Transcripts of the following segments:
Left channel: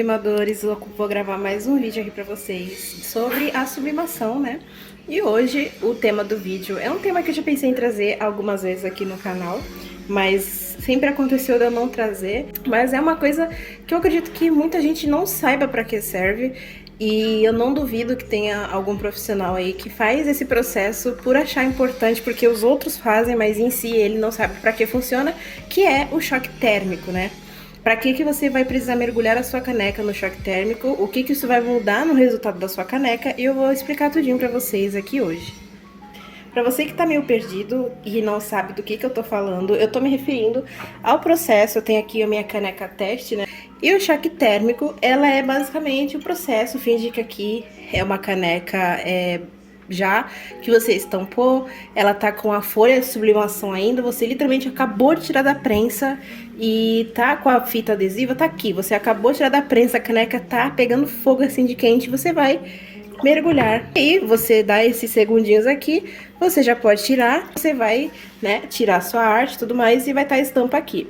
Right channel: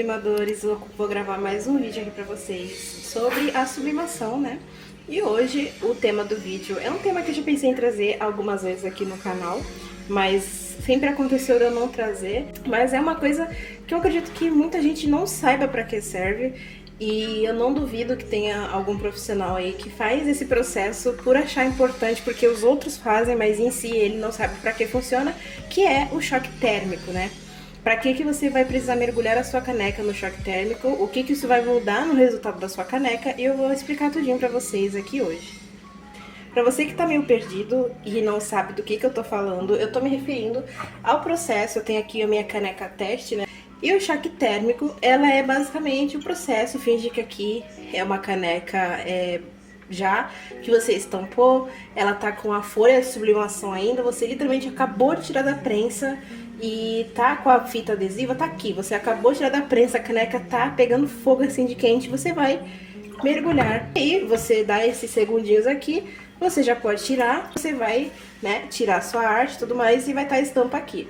sublimadores, eu vou gravar mais um vídeo aqui pra vocês sobre a sublimação, né? E hoje o tema do vídeo é um tema que eu já pensei em trazer algumas vezes aqui no canal, mas sempre aconteceu de eu não trazer. Mas é uma coisa que eu acredito que muita gente não saiba pra que serve, e eu não duvido que tenha algum profissional aí que faz esse processo por achar importante, porque os outros fazem, mas em si ele não sabe pra que funciona, que é o choque térmico, né? Para que você vai precisar mergulhar a sua caneca no choque térmico, o que isso vai mudar no resultado da sua caneca, e eu vou explicar tudinho para vocês aqui hoje. Para você que tá meio perdido e não sabe do que eu tô falando, eu tô me referindo ao processo. Eu tenho aqui a minha caneca teste, né? E o choque térmico, ela é basicamente o processo. Finge que aqui é uma caneca já que você estampou, ela tá com a folha de sublimação ainda, você literalmente acabou de tirar da prensa e tá com a fita adesiva, tá aqui, você acabou de tirar da prensa, a caneca tá pegando fogo assim de quente, você vai mergulhar. E você dá esses segundinhos aqui, você já pode tirar, você vai, né, tirar sua arte e tudo mais e vai estar a estampa aqui.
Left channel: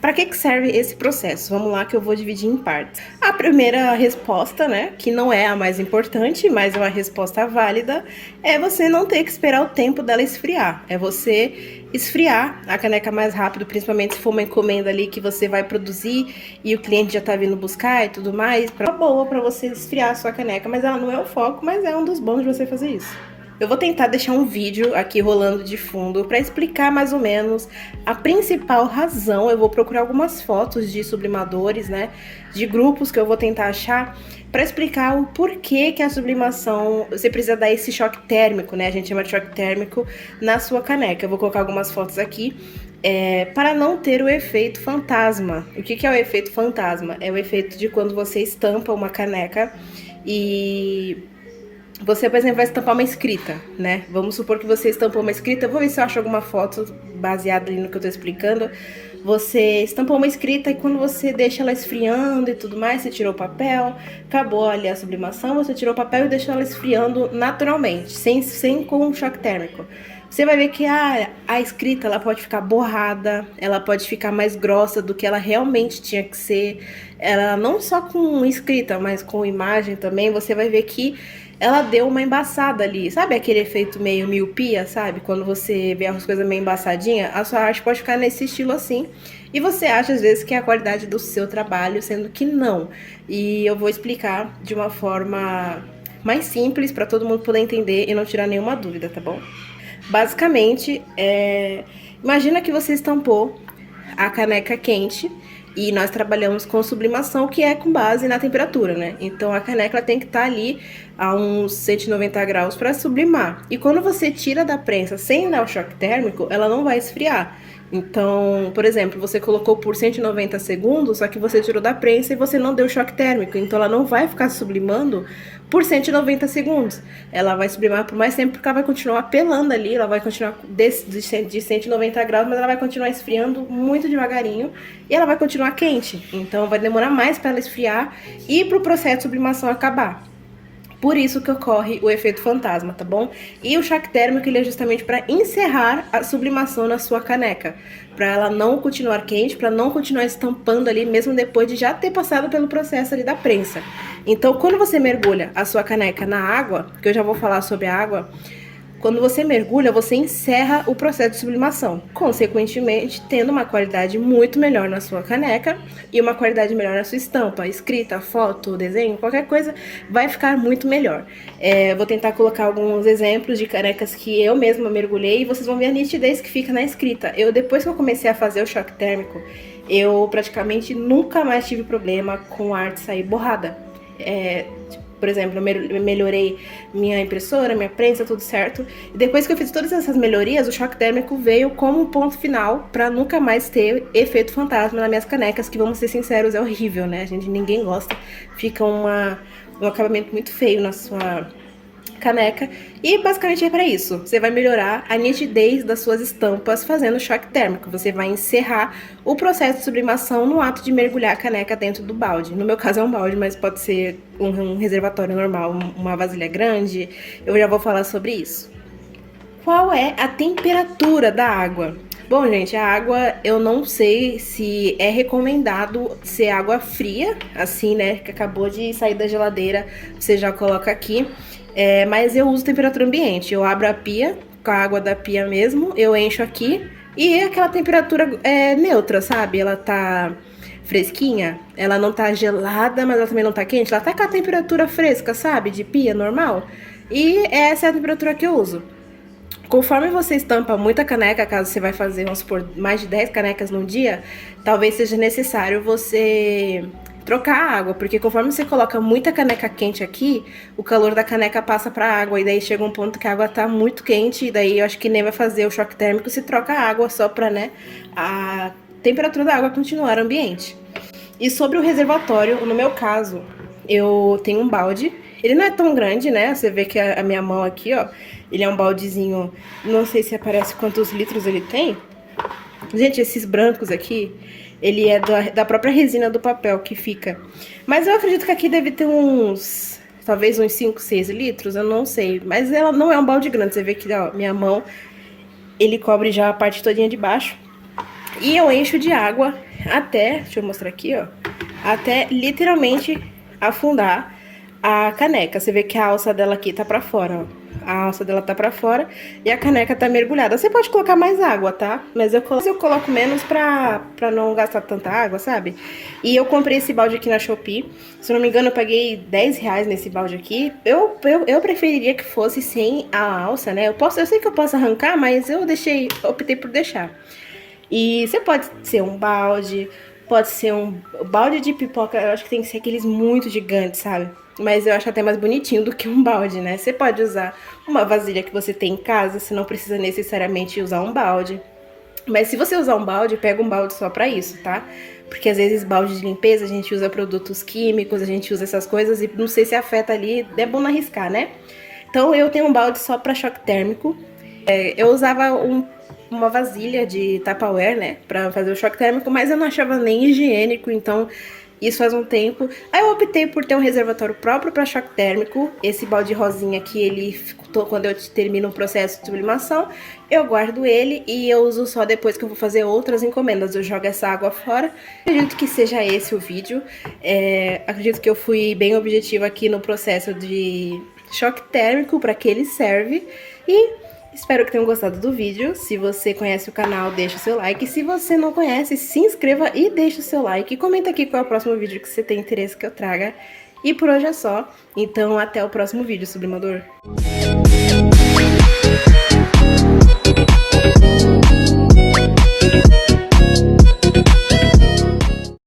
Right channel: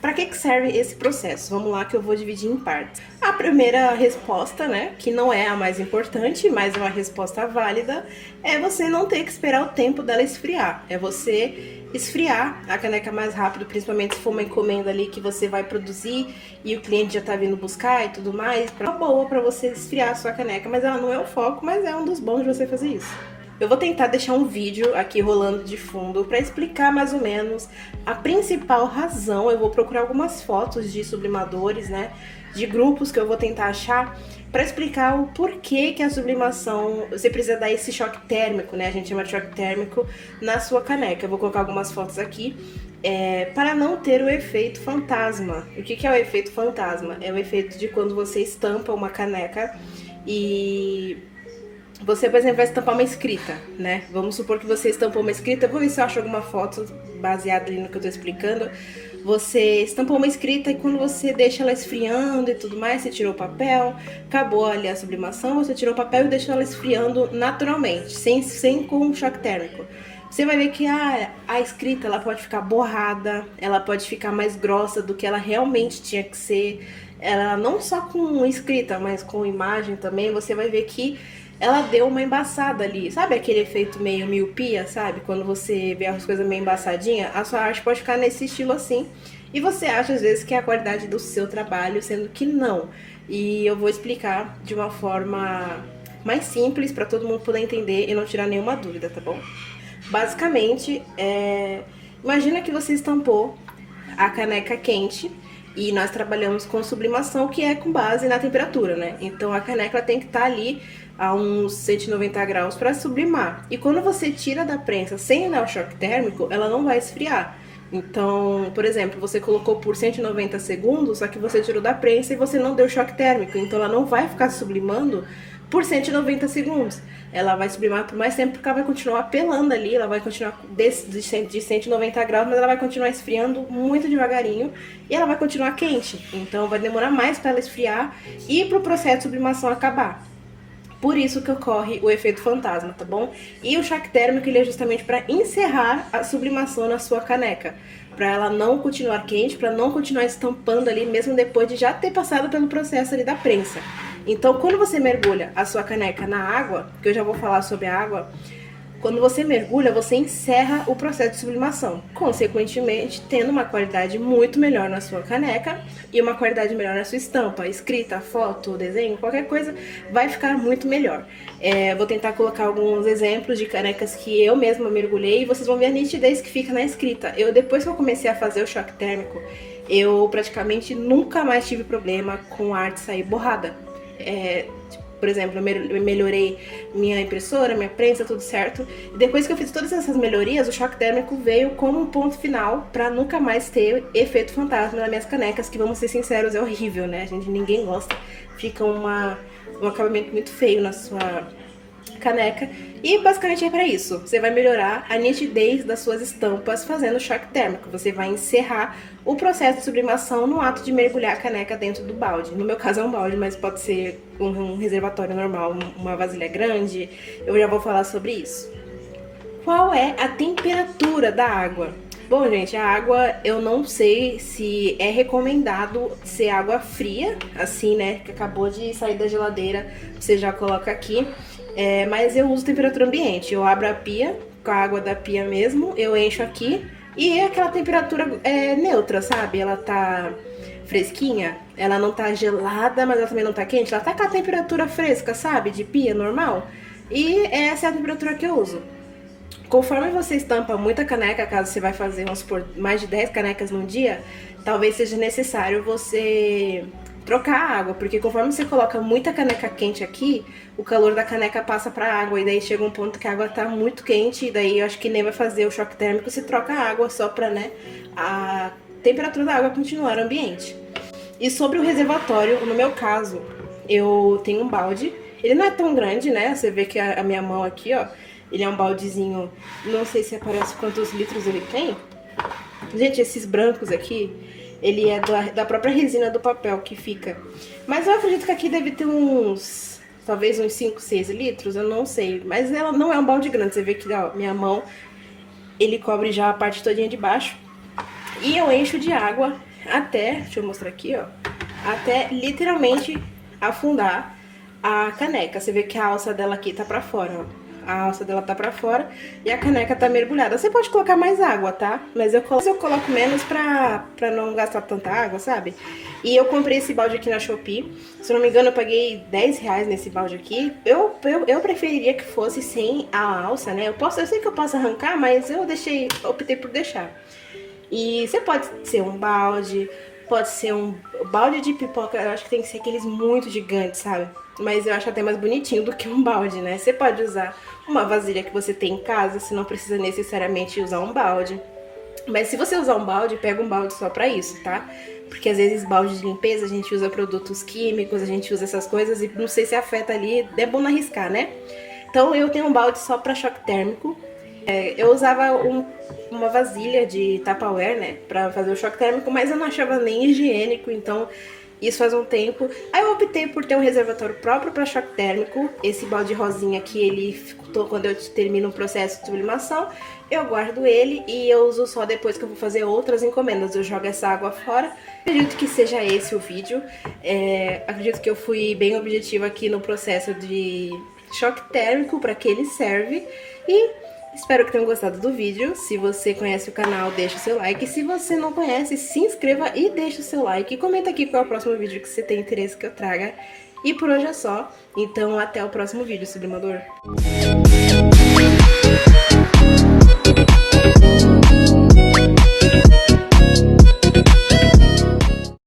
Para que serve esse processo? Vamos lá que eu vou dividir em partes. A primeira resposta, né, que não é a mais importante, mas é uma resposta válida, é você não ter que esperar o tempo dela esfriar. É você esfriar a caneca mais rápido, principalmente se for uma encomenda ali que você vai produzir e o cliente já tá vindo buscar e tudo mais. É uma boa para você esfriar a sua caneca, mas ela não é o foco, mas é um dos bons de você fazer isso. Eu vou tentar deixar um vídeo aqui rolando de fundo para explicar mais ou menos a principal razão. Eu vou procurar algumas fotos de sublimadores, né, de grupos que eu vou tentar achar para explicar o porquê que a sublimação, você precisa dar esse choque térmico, né, a gente chama de choque térmico na sua caneca. Eu vou colocar algumas fotos aqui para não ter o efeito fantasma. O que é o efeito fantasma? É o efeito de quando você estampa uma caneca e você, por exemplo, vai estampar uma escrita, né? Vamos supor que você estampou uma escrita. Eu vou ver se eu acho alguma foto baseada ali no que eu tô explicando. Você estampou uma escrita e quando você deixa ela esfriando e tudo mais, você tirou o papel, acabou ali a sublimação, você tirou o papel e deixou ela esfriando naturalmente, sem com choque térmico. Você vai ver que a escrita ela pode ficar borrada, ela pode ficar mais grossa do que ela realmente tinha que ser. Ela não só com escrita, mas com imagem também, você vai ver que ela deu uma embaçada ali. Sabe aquele efeito meio miopia, sabe? Quando você vê as coisas meio embaçadinhas, a sua arte pode ficar nesse estilo assim. E você acha às vezes que é a qualidade do seu trabalho, sendo que não. E eu vou explicar de uma forma mais simples para todo mundo poder entender e não tirar nenhuma dúvida, tá bom? Basicamente, imagina que você estampou a caneca quente e nós trabalhamos com sublimação, que é com base na temperatura, né? Então a caneca tem que estar ali a uns 190 graus para sublimar. E quando você tira da prensa sem dar o choque térmico, ela não vai esfriar. Então, por exemplo, você colocou por 190 segundos, só que você tirou da prensa e você não deu choque térmico. Então ela não vai ficar sublimando por 190 segundos. Ela vai sublimar por mais tempo porque ela vai continuar pelando ali, ela vai continuar de 190 graus, mas ela vai continuar esfriando muito devagarinho e ela vai continuar quente. Então vai demorar mais para ela esfriar e para o processo de sublimação acabar. Por isso que ocorre o efeito fantasma, tá bom? E o choque térmico ele é justamente para encerrar a sublimação na sua caneca, para ela não continuar quente, para não continuar estampando ali mesmo depois de já ter passado pelo processo ali da prensa. Então, quando você mergulha a sua caneca na água, que eu já vou falar sobre a água, quando você mergulha, você encerra o processo de sublimação, consequentemente tendo uma qualidade muito melhor na sua caneca e uma qualidade melhor na sua estampa, escrita, foto, desenho, qualquer coisa vai ficar muito melhor. Vou tentar colocar alguns exemplos de canecas que eu mesma mergulhei e vocês vão ver a nitidez que fica na escrita. Depois que eu comecei a fazer o choque térmico, eu praticamente nunca mais tive problema com a arte sair borrada. Por exemplo, eu melhorei minha impressora, minha prensa, tudo certo. E depois que eu fiz todas essas melhorias, o choque térmico veio como um ponto final para nunca mais ter efeito fantasma nas minhas canecas, que vamos ser sinceros, é horrível, né? Ninguém gosta. Fica um acabamento muito feio na sua caneca. E basicamente é para isso. Você vai melhorar a nitidez das suas estampas fazendo choque térmico. Você vai encerrar o processo de sublimação no ato de mergulhar a caneca dentro do balde. No meu caso é um balde, mas pode ser um reservatório normal, uma vasilha grande. Eu já vou falar sobre isso. Qual é a temperatura da água? Bom, gente, a água eu não sei se é recomendado ser água fria, assim, né? Que acabou de sair da geladeira, você já coloca aqui. Mas eu uso temperatura ambiente. Eu abro a pia com a água da pia mesmo, eu encho aqui e é aquela temperatura neutra, sabe? Ela tá fresquinha, ela não tá gelada, mas ela também não tá quente. Ela tá com a temperatura fresca, sabe? De pia normal. E essa é a temperatura que eu uso. Conforme você estampa muita caneca, caso você vai fazer, vamos supor, mais de 10 canecas num dia, talvez seja necessário você trocar a água, porque conforme você coloca muita caneca quente aqui, o calor da caneca passa para a água, e daí chega um ponto que a água tá muito quente, e daí eu acho que nem vai fazer o choque térmico se troca a água só para, né, a temperatura da água continuar ambiente. E sobre o reservatório, no meu caso, eu tenho um balde. Ele não é tão grande, né? Você vê que a minha mão aqui, ó, ele é um baldezinho, não sei se aparece quantos litros ele tem. Gente, esses brancos aqui, ele é da própria resina do papel que fica. Mas eu acredito que aqui deve ter uns, talvez uns 5, 6 litros, eu não sei. Mas ela não é um balde grande, você vê que, ó, minha mão, ele cobre já a parte todinha de baixo. E eu encho de água até, deixa eu mostrar aqui, ó, até literalmente afundar a caneca. Você vê que a alça dela aqui tá pra fora, ó. A alça dela tá pra fora e a caneca tá mergulhada. Você pode colocar mais água, tá? Mas eu coloco menos pra não gastar tanta água, sabe? E eu comprei esse balde aqui na Shopee. Se eu não me engano, eu paguei R$10 nesse balde aqui. Eu preferiria que fosse sem a alça, né? Eu sei que eu posso arrancar, mas eu optei por deixar. E você pode ser um balde, pode ser um balde de pipoca, eu acho que tem que ser aqueles muito gigantes, sabe? Mas eu acho até mais bonitinho do que um balde, né? Você pode usar uma vasilha que você tem em casa, você não precisa necessariamente usar um balde. Mas se você usar um balde, pega um balde só pra isso, tá? Porque às vezes balde de limpeza a gente usa produtos químicos, a gente usa essas coisas e não sei se afeta ali, é bom não arriscar, né? Então eu tenho um balde só pra choque térmico. Eu usava uma vasilha de Tupperware, né, pra fazer o choque térmico, mas eu não achava nem higiênico, então isso faz um tempo. Aí eu optei por ter um reservatório próprio para choque térmico. Esse balde rosinha aqui, quando eu termino o processo de sublimação, eu guardo ele e eu uso só depois que eu vou fazer outras encomendas. Eu jogo essa água fora. Acredito que seja esse o vídeo. Acredito que eu fui bem objetiva aqui no processo de choque térmico, para que ele serve. E espero que tenham gostado do vídeo. Se você conhece o canal, deixa o seu like. Se você não conhece, se inscreva e deixa o seu like. E comenta aqui qual é o próximo vídeo que você tem interesse que eu traga. E por hoje é só. Então até o próximo vídeo, sublimador.